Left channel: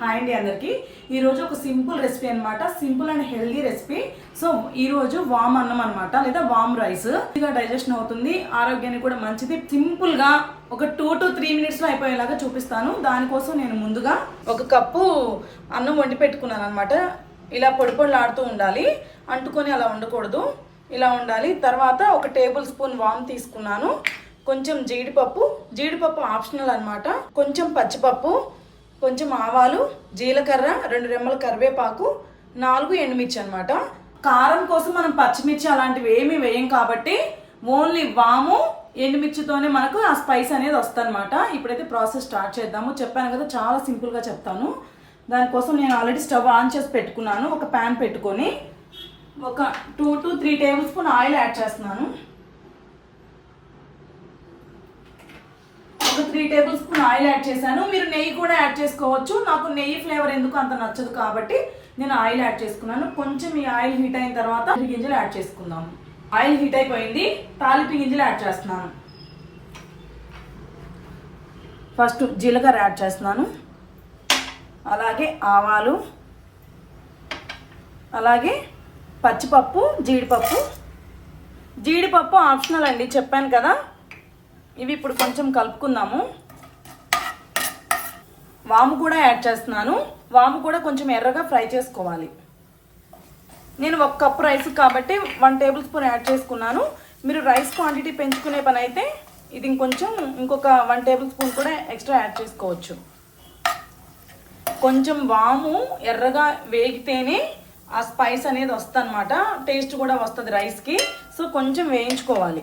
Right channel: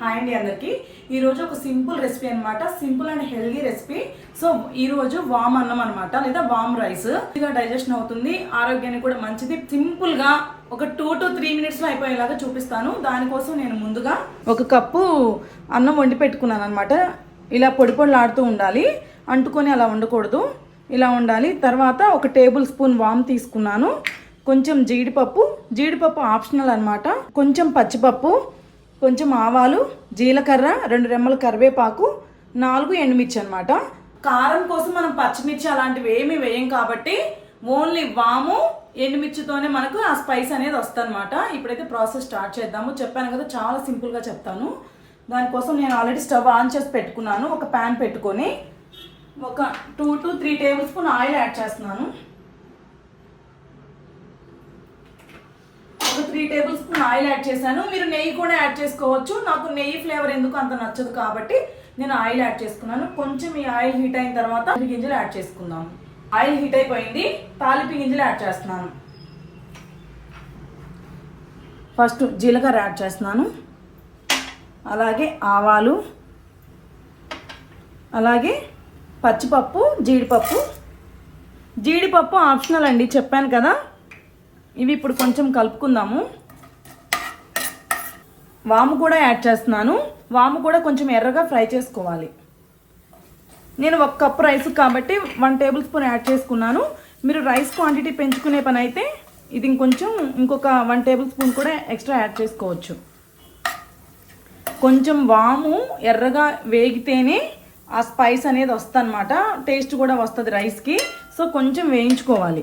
Hi అండి అందరికి. ఈరోజు ఒక సింపుల్ రెసిపీ అన్నమాట. Simple and healthy recipe. So ఈరోజు వామ్ అన్నం అనమాట లేదా వామ్ రైస్. ఇదిగా డైజెషన్ అవుతుంది. ఆరోగ్యానికి కూడా మంచిది. సింపుల్గా ఒక టూ టు త్రీ మినిట్స్లో అయిపోయేలాగా చూపిస్తాను. దానికోసం నేను ముందుగా ఒక కప్పు అన్నం వండి పెట్టుకున్నాను అనమాట ఇలా పొడి పొడిలాడుతూ ఉండాలి. అంటుకొని అలా ఉండకూడదు. ఇలా ఉండాలి. తర్వాత ఒక టేబుల్ స్పూన్ వామ్ తీసుకున్నాను. కొంచెం జీడిపప్పు. జీడిపప్పు ఆప్షనల్ అనమాట కొంచెం పచ్చిపప్పు. కొంచెం ఆవాలు జీలకర్ర రెండు రెమ్మల కరివేపాకు నాలుగు ఎండుమిర్చి అనమాట కారం కోసం మనం పచ్చిమిర్చి అలాంటివి ఏమీ వేయం కాబట్టి ఓన్లీ వాము ఎండుమిర్చితోనే మనకు ఆ స్పైస్ అనేది వస్తుందన్నమాట. ఇప్పుడైతే ప్రాసెస్ స్టార్ట్ చేద్దాము. చెప్పాను కదా చాలా సింపుల్గా చెప్తాను. దానికోసం నేను ఆల్రెడీ స్టవ్ ఆన్ చేసి పెట్టుకున్నాను. ఒక ప్యాన్ పెట్టుకొని ఒక two to three tablespoon oil add చేస్తున్నాను. Three tablespoon oil add చేశాను. మీరు నెయ్యి కూడా యాడ్ చేసుకోవచ్చు. నాకు నెయ్యి ఫ్లేవర్ ఎందుకు అంత నచ్చదు కాబట్టి నేను ఆయిల్ యాడ్ చేసుకున్నాను. కొంచెం ఈ ఆయిల్ హీట్ అయిన తర్వాత గింజలు యాడ్ చేసుకుందాం. ఆయిల్ హీట్ అయిపోయింది. తాలింపు గింజలు యాడ్ చేస్తున్నాను. ఫస్ట్ జీలకర్ర యాడ్ చేస్తున్నాను. అలాగే ఆవాలు. అలాగే పచ్చిపప్పు జీడిపప్పు. జీడిపప్పు ఆప్షనల్ అండి. చెప్పాను కదా. ఇవి ఇప్పుడు కొంచెం కలుపుకుందాము. వాము కూడా యాడ్ చేస్తున్నాను. వాము కూడా కొంచెం ఎర్రగా ఫ్రై చేసుకోవాలి. నేను ఒక కప్ రైస్ కాబట్టి వన్ టేబుల్ స్పూన్ యాడ్ చేసుకున్నాను. మీరు రైస్ క్వాంటిటీ పెంచుకునే పని అయితే ఇది ఇంకొంచెం ఇంకొక వన్ టేబుల్ స్పూన్ కూడా ఎక్స్ట్రా యాడ్ చేసుకోవచ్చు. కొంచెం వాము ఎర్రగా వేగితేనే ఆ స్పైస్ అనేది వస్తుంది అనమాట టేస్ట్ కూడా వస్తుంది రైస్కి. సో కొంచెం వేయించుకోవాలి.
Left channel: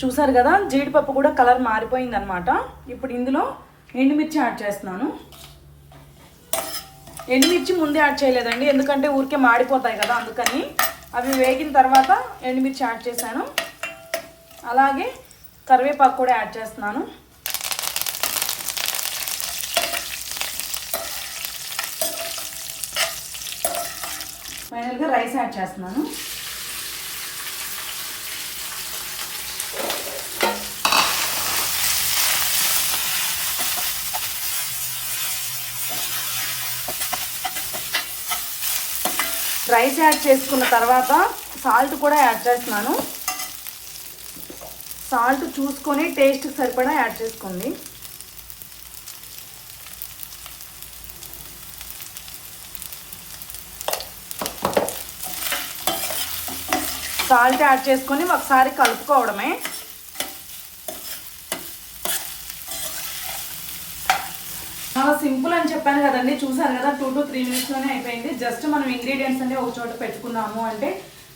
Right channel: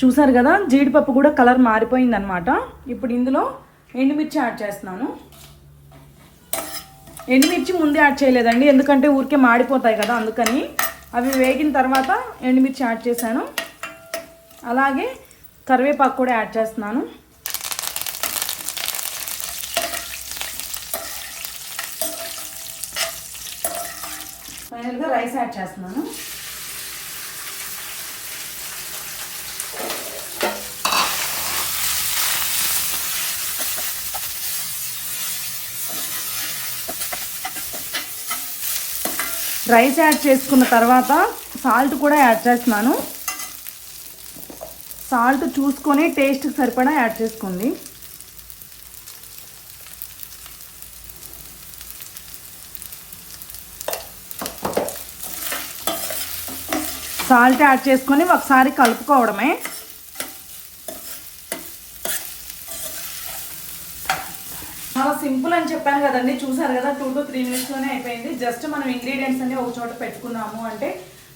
చూసారు కదా జీడిపప్పు కూడా కలర్ మారిపోయింది అనమాట ఇప్పుడు ఇందులో ఎండుమిర్చి యాడ్ చేస్తున్నాను. ఎండుమిర్చి ముందే యాడ్ చేయలేదండి ఎందుకంటే ఊరికే మాడిపోతాయి కదా అందుకని అవి వేగిన తర్వాత ఎండుమిర్చి యాడ్ చేశాను. అలాగే కరివేపాకు కూడా యాడ్ చేస్తున్నాను. ఫైనల్గా రైస్ యాడ్ చేస్తున్నాను. రైస్ యాడ్ చేసుకున్న తర్వాత సాల్ట్ కూడా యాడ్ చేస్తున్నాను. సాల్ట్ చూసుకొని టేస్ట్ సరిపడా యాడ్ చేసుకోండి. సాల్ట్ యాడ్ చేసుకొని ఒకసారి కలుపుకోవడమే. సింపుల్ అని చెప్పాను కదండి. చూసారు కదా టూ టు త్రీ మినిట్స్లోనే అయిపోయింది. జస్ట్ మనం ఇంగ్రీడియంట్స్ అన్ని ఒక చోట పెట్టుకున్నాము అంటే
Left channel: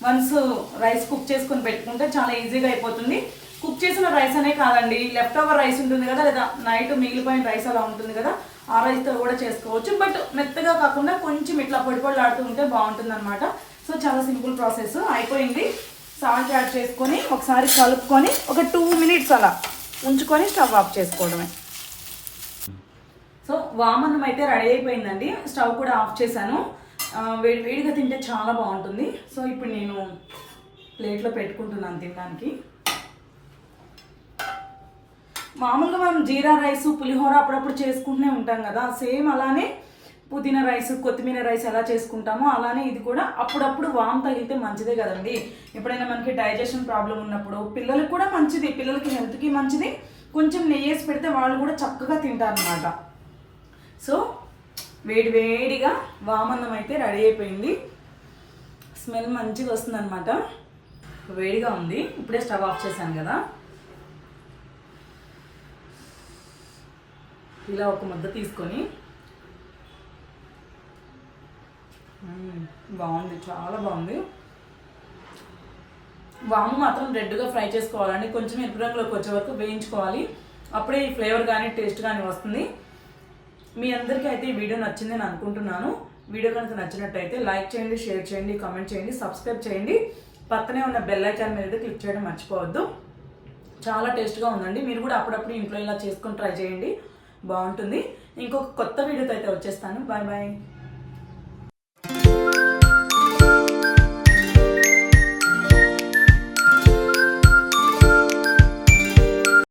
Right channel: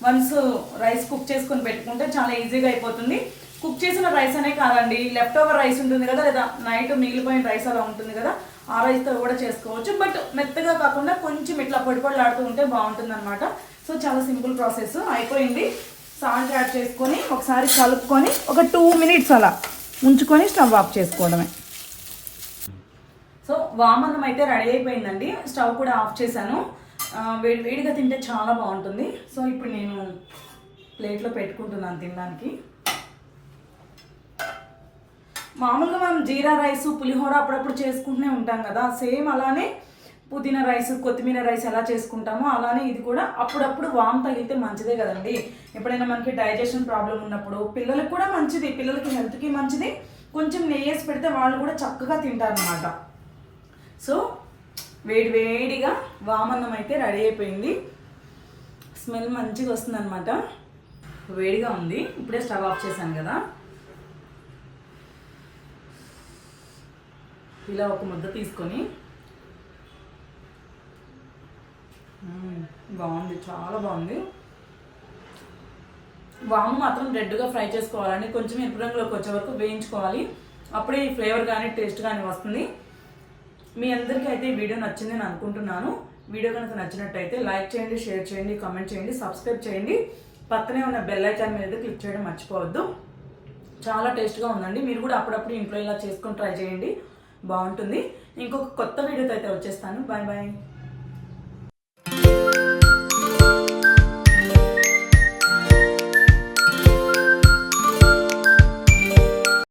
వన్స్ రైస్ కుక్ చేసుకుని పెట్టుకుంటే చాలా ఈజీగా అయిపోతుంది. కుక్ చేసిన రైస్ అనే కాదండి లెఫ్ట్ ఓవర్ రైస్ ఉంటుంది కదా లేదా నైట్ మిగిలిపోయిన రైస్ అలా ఉంటుంది కదా ఆ రైస్తో కూడా చేసుకోవచ్చు. బట్ మెత్తగా కాకుండా కొంచెం ఇట్లా పొడి పొడిలాడుతూ ఉంటే బాగుంటుంది అనమాట సో చాలా సింపుల్ ప్రాసెస్ అయిపోయింది. సాల్ట్ యాడ్ చేసుకొని ఒకసారి కలుపుకొని ఒక టూ మినిట్స్ అలా ఉంచుకొని స్టవ్ ఆఫ్ చేసుకోవడమే. సో వామన్నం అయితే రెడీ అయిపోయిందండి. స్టవ్ కూడా ఆఫ్ చేశాను. వేడి వేడిగా తింటే చాలా బాగుంటుంది. సో ఇప్పుడు నేను ప్లేట్లో పెట్టుకుంటున్నాను తినడానికి. మామూలుగా మనం జీరా రైస్ పులిహోర అప్పుడప్పుడు చేసుకుంటూనే ఉంటాం కదా. సేమ్ అలానే పుదీనా రైస్ కొత్తిమీర రైస్ ఎలా చేసుకుంటామో అలానే ఇది కూడా అప్పుడప్పుడు వామ్ తగిలితే మంచిదే కదండి. ఎప్పుడైనా మనకి డైజెషన్ ప్రాబ్లం ఉన్నప్పుడు పిల్లలకు కూడా మంచిది. పిల్లలకి హెల్త్కి మంచిది. కొంచెం నెయ్యేసి పెడితే వాళ్ళు కూడా చక్కగా తింటారు అనమాట సో వేడి వేడిగా వామన్నం అయితే రెడీ అయిపోయింది. స్మెల్ మంచిగా వస్తుందన్నమాట. వేడిగా ఉంది. ఇప్పుడే స్టవ్ ఆఫ్ చేశాను కదా. ఇలా ఒక ముద్ద తీసుకొని బాగుంది. చాలా బాగుంది. వాము మాత్రం రెడ్గా ఫ్రై చేసుకోవాలండి. కొంచెం ఎరుపు రంగులోకి వచ్చే వరకు వేయించుకోవాలి. అప్పుడే ఈ ఫ్లేవర్ కానీ టేస్ట్ కానీ వస్తుంది. మీ అందరికీ అయితే ఈ వీడియో నచ్చింది అని అనుకుంటున్నాను. వీడియో కనుక నచ్చినట్టయితే లైక్ చేయండి షేర్ చేయండి కామెంట్ చేయండి సబ్స్క్రైబ్ చేయండి. పక్కనే ఉన్న బెల్ ఐకాన్ మీద క్లిక్ చేయడం మర్చిపోవద్దు. చాలా టేస్ట్గా ఉందండి. మీరు కూడా అప్పుడప్పుడు ఇంట్లో ఇలా చేసుకొని ట్రై చేయండి. బాగుంటుంది. ఇంకొక కొత్త వీడియోతో అయితే వచ్చేస్తాను. Bye bye.